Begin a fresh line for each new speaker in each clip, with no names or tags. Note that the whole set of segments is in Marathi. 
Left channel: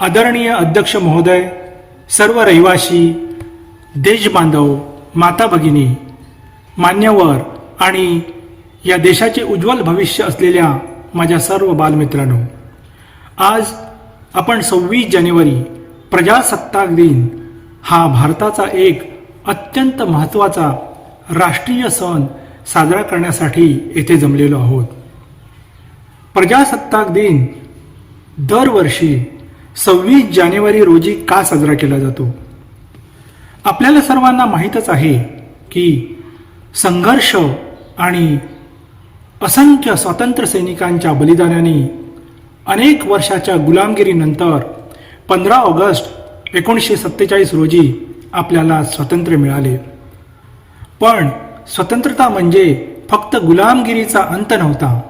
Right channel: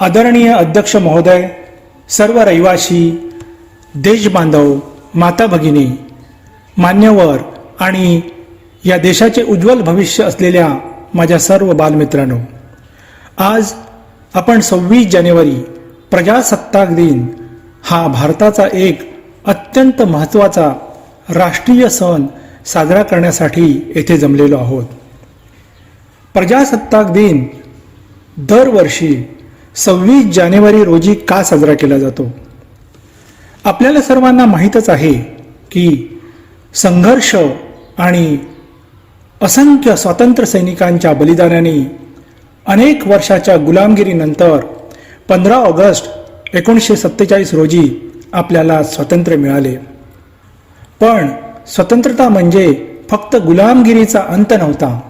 आदरणीय अध्यक्ष महोदय सर्व रहिवासी देशबांधव माता भगिनी मान्यवर आणि या देशाचे उज्ज्वल भविष्य असलेल्या माझ्या सर्व बालमित्रांनो आज आपण सव्वीस जानेवारी प्रजासत्ताक दिन हा भारताचा एक अत्यंत महत्त्वाचा राष्ट्रीय सण साजरा करण्यासाठी येथे जमलेलो आहोत. प्रजासत्ताक दिन दरवर्षी सव्वीस जानेवारी रोजी का साजरा केला जातो? आपल्याला सर्वांना माहीतच आहे की संघर्ष आणि असंख्य स्वातंत्र्य सैनिकांच्या बलिदानाने अनेक वर्षाच्या गुलामगिरीनंतर पंधरा ऑगस्ट एकोणीसशे सत्तेचाळीस रोजी आपल्याला स्वातंत्र्य मिळाले. पण स्वतंत्रता म्हणजे फक्त गुलामगिरीचा अंत नव्हता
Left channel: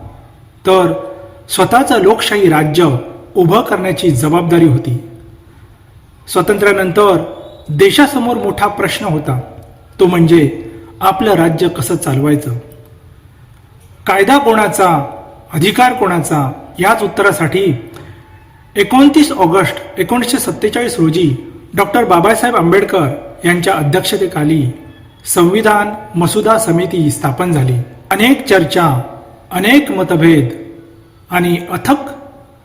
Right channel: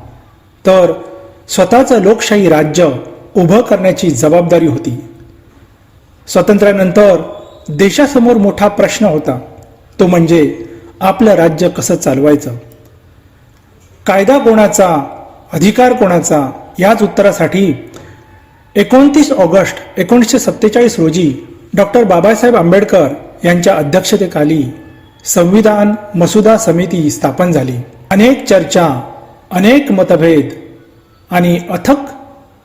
तर स्वतःचं लोकशाही राज्य उभं करण्याची जबाबदारी होती. स्वातंत्र्यानंतर देशासमोर मोठा प्रश्न होता. तो म्हणजे आपलं राज्य कसं चालवायचं? कायदा कोणाचा अधिकार कोणाचा याच उत्तरासाठी एकोणतीस ऑगस्ट एकोणीसशे सत्तेचाळीस रोजी डॉक्टर बाबासाहेब आंबेडकर यांच्या अध्यक्षतेखाली संविधान मसुदा समिती स्थापन झाली. अनेक चर्चा अनेक मतभेद आणि अथक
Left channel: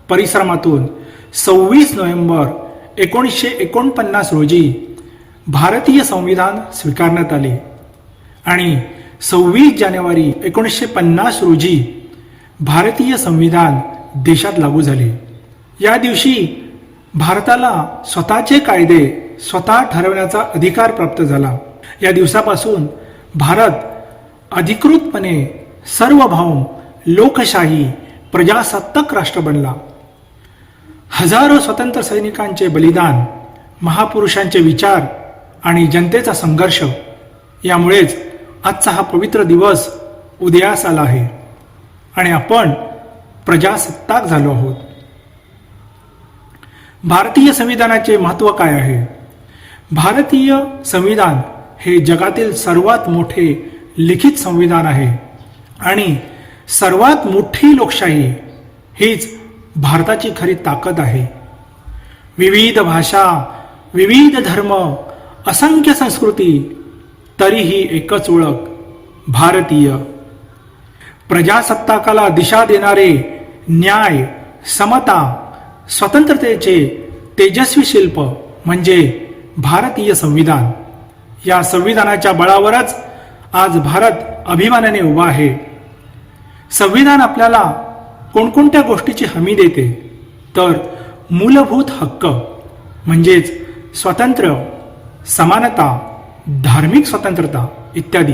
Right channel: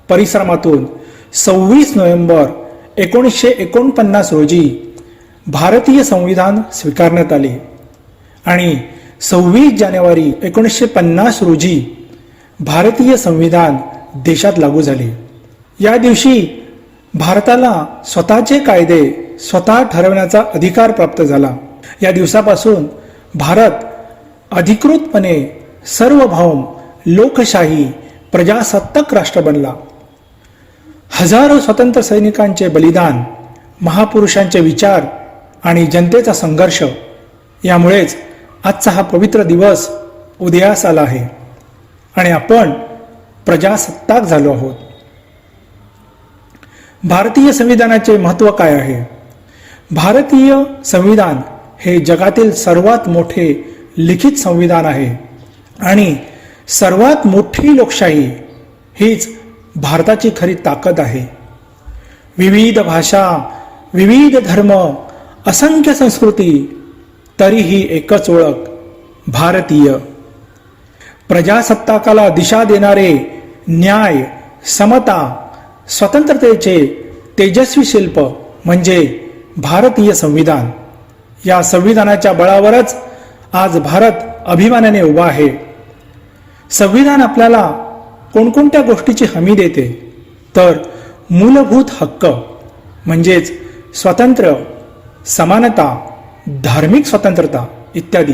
परिश्रमातून सव्वीस नोव्हेंबर एकोणीसशे एकोणपन्नास रोजी भारतीय संविधान स्वीकारण्यात आले. आणि सव्वीस जानेवारी एकोणीसशे पन्नास रोजी भारतीय संविधान देशात लागू झाले. या दिवशी भारताला स्वतःचे कायदे स्वतः ठरवण्याचा अधिकार प्राप्त झाला. या दिवसापासून भारत अधिकृतपणे सर्वभौम लोकशाही प्रजासत्ताक राष्ट्र बनला. हजारो स्वतंत्र सैनिकांचे बलिदान महापुरुषांचे विचार आणि जनतेचा संघर्ष यामुळेच आजचा हा पवित्र दिवस उदयास आला आहे आणि आपण प्रजासत्ताक झालो आहोत. भारतीय संविधानाचे महत्त्व काय आहे? भारतीय संविधान हे जगातील सर्वात मोठे लिखित संविधान आहे आणि सर्वात मोठी लोकशाही हीच भारताची खरी ताकद आहे. विविध भाषा विविध धर्म असंख्य संस्कृती तरीही एकच ओळख भारतीय. प्रजासत्ताकाला दिशा देणारे न्याय समता स्वतंत्रतेचे तेजस्वी शिल्प म्हणजे भारतीय संविधान. या संविधानाच्या बळावरच आज भारत अभिमानाने उभा आहे. संविधान आपल्याला कोणकोणत्या गोष्टीची हमी देते? तर मूलभूत हक्क म्हणजेच स्वातंत्र्य समानता धार्मिक स्वतंत्रता इत्यादी.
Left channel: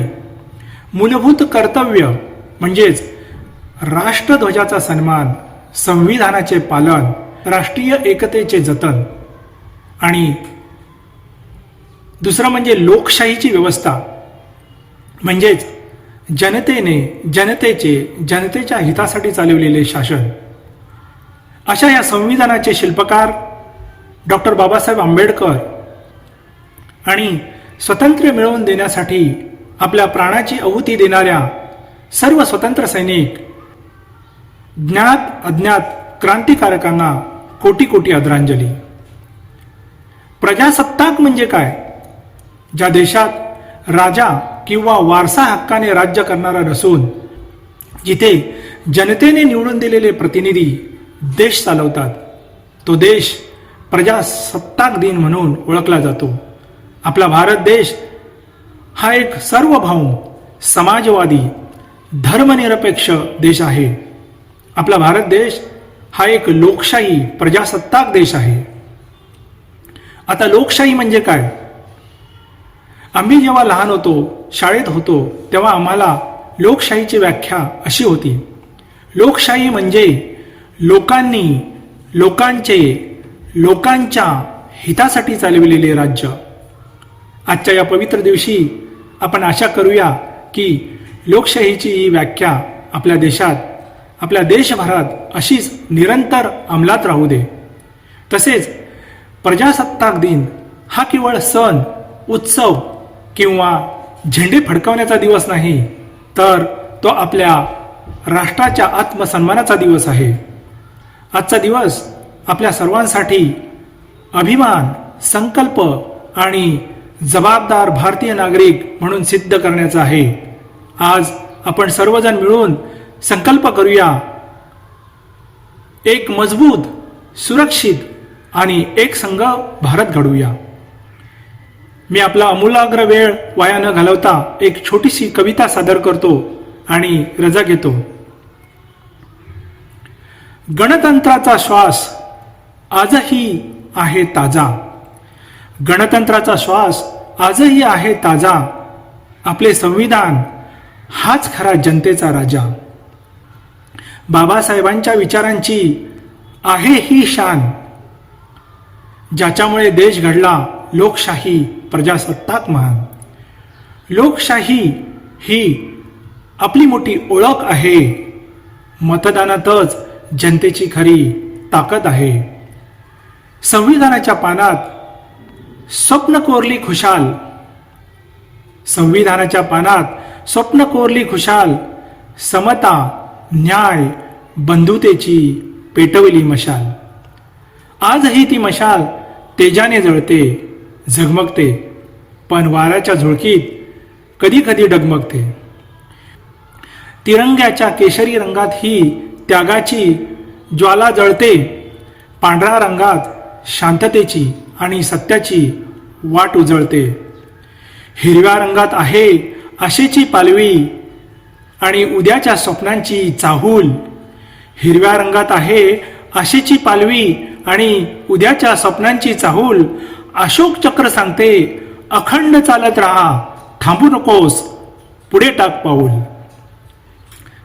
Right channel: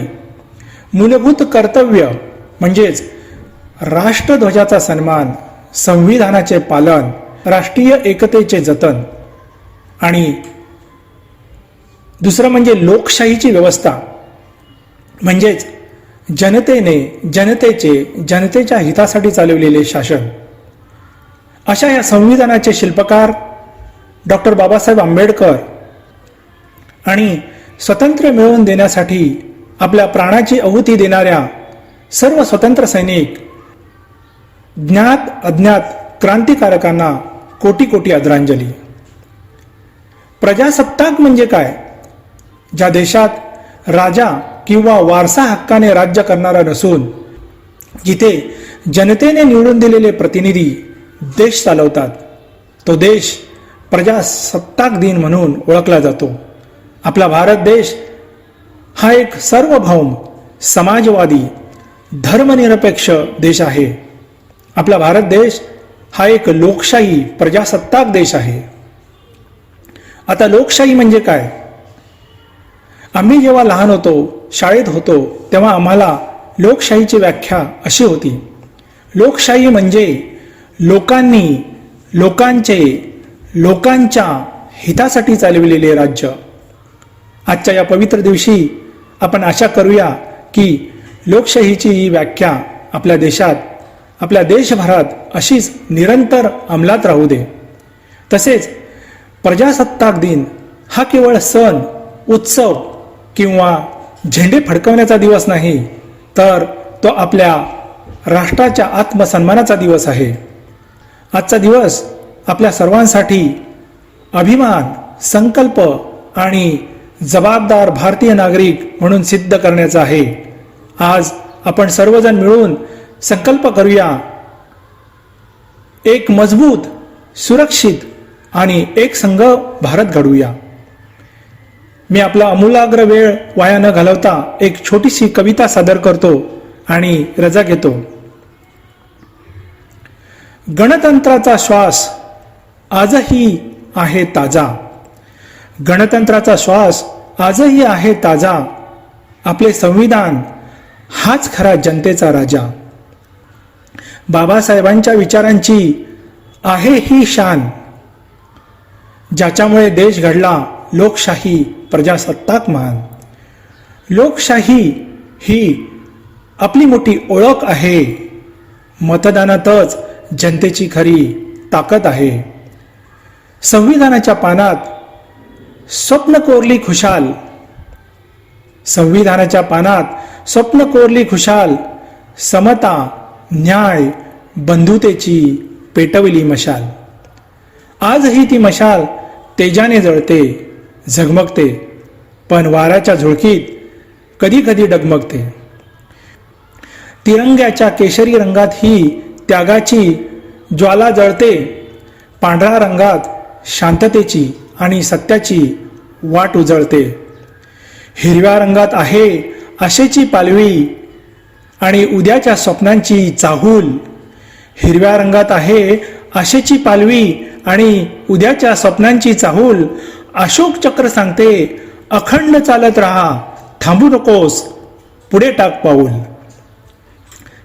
मूलभूत कर्तव्य म्हणजेच राष्ट्रध्वजाचा सन्मान संविधानाचे पालन राष्ट्रीय एकतेचे जतन आणि दुसरं म्हणजे लोकशाहीची व्यवस्था म्हणजेच जनतेने जनतेचे जनतेच्या हितासाठी चालवलेले शासन. अशा या संविधानाचे शिल्पकार डॉक्टर बाबासाहेब आंबेडकर आणि स्वतंत्र मिळवून देण्यासाठी आपल्या प्राणाची आहुती देणाऱ्या सर्व स्वतंत्र सैनिक ज्ञात अज्ञात क्रांतिकारकांना कोटी कोटी आदरांजली. प्रजासत्ताक म्हणजे काय? ज्या देशात राजा किंवा वारसा हक्काने राज्य करणारा नसून जिथे जनतेने निवडून दिलेले प्रतिनिधी देश चालवतात तो देश प्रजासत्ताक दिन म्हणून ओळखला जातो. आपला भारत देश हा एक सार्वभौम समाजवादी धर्मनिरपेक्ष देश आहे. आपला भारत देश हा एक लोकशाही प्रजासत्ताक देश आहे. आता लोकशाही म्हणजे काय? आम्ही जेव्हा लहान होतो शाळेत होतो तेव्हा आम्हाला लोकशाहीची व्याख्या अशी होती. लोकशाही म्हणजे लोकांनी लोकांचे लोकांच्या हितासाठी चालविलेले राज्य. आजच्या या पवित्र दिवशी आपण आशा करूया की लोकशाहीची ही व्याख्या आपल्या देशात आपल्या देशभरात अशीच निरंतर अंमलात राहू दे. तसेच प्रजासत्ताक दिन हा केवळ सण उत्सव किंवा झेंडे फडकवण्याचा दिवस नाही तर तो आपल्या राष्ट्राच्या आत्मसन्मानाचा दिवस आहे. आजचा दिवस आपल्या सर्वांसाठी अभिमान संकल्प आणि जबाबदार भारतीय नागरिक म्हणून सिद्ध करण्याचा आहे. आज आपण सर्वजण मिळून संकल्प करूया. एक मजबूत सुरक्षित आणि एक संघ भारत घडूया मी आपला अमूलाग्र वेळ वाया न घालवता एक छोटीशी कविता सादर करतो आणि रजा घेतो. गणतंत्राचा श्वास आजही आहे ताजा. गणतंत्राचा श्वास आजही आहे ताजा. आपले संविधान हाच खरा जनतेचा राजा. बाबासाहेबांच्या विचारांची आहे ही शान. ज्याच्यामुळे देश घडला लोकशाही प्रजासत्ताक महान लोकशाही ही आपली मोठी ओळख आहे. मतदानातच जनतेची खरी ताकद आहे. संविधानाच्या पानात स्वप्न कोरली खुशाल. संविधानाच्या पानात स्वप्न कोरली खुशाल समता न्याय बंधुतेची पेटवली मशाल. आजही ती मशाल तेजाने जळते. झगमगते पण वाऱ्याच्या झुळकीत कधी कधी डगमगते. तिरंग्याच्या केशरी रंगात ही त्यागाची ज्वाला जळते पांढऱ्या रंगात शांततेची आणि सत्याची वाट उजळते. हिरव्या रंगात आहे आशेची पालवी आणि उद्याच्या स्वप्नांची चाहूल. हिरव्या रंगात आहे आशेची पालवी आणि उद्याच्या स्वप्नांची चाहूल. अशोक चक्र सांगते अखंड चालत राहा थांबू नकोस पुढे टाक पाऊल.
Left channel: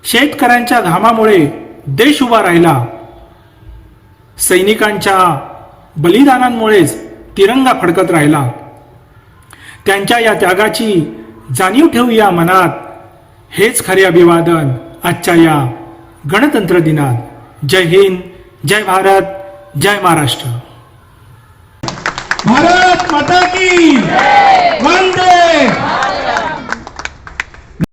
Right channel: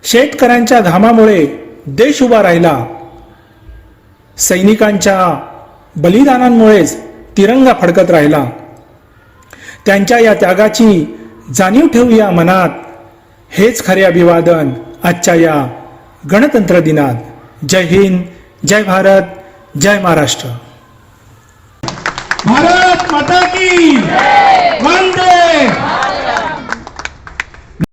शेतकऱ्यांच्या घामामुळे देश उभा राहिला. सैनिकांच्या बलिदानांमुळेच तिरंगा फडकत राहिला. त्यांच्या या त्यागाची जाणीव ठेवूया मनात. हेच खरे अभिवादन आजच्या या गणतंत्र दिनात. जय हिंद जय भारत जय महाराष्ट्र.
भारत माता की वंदे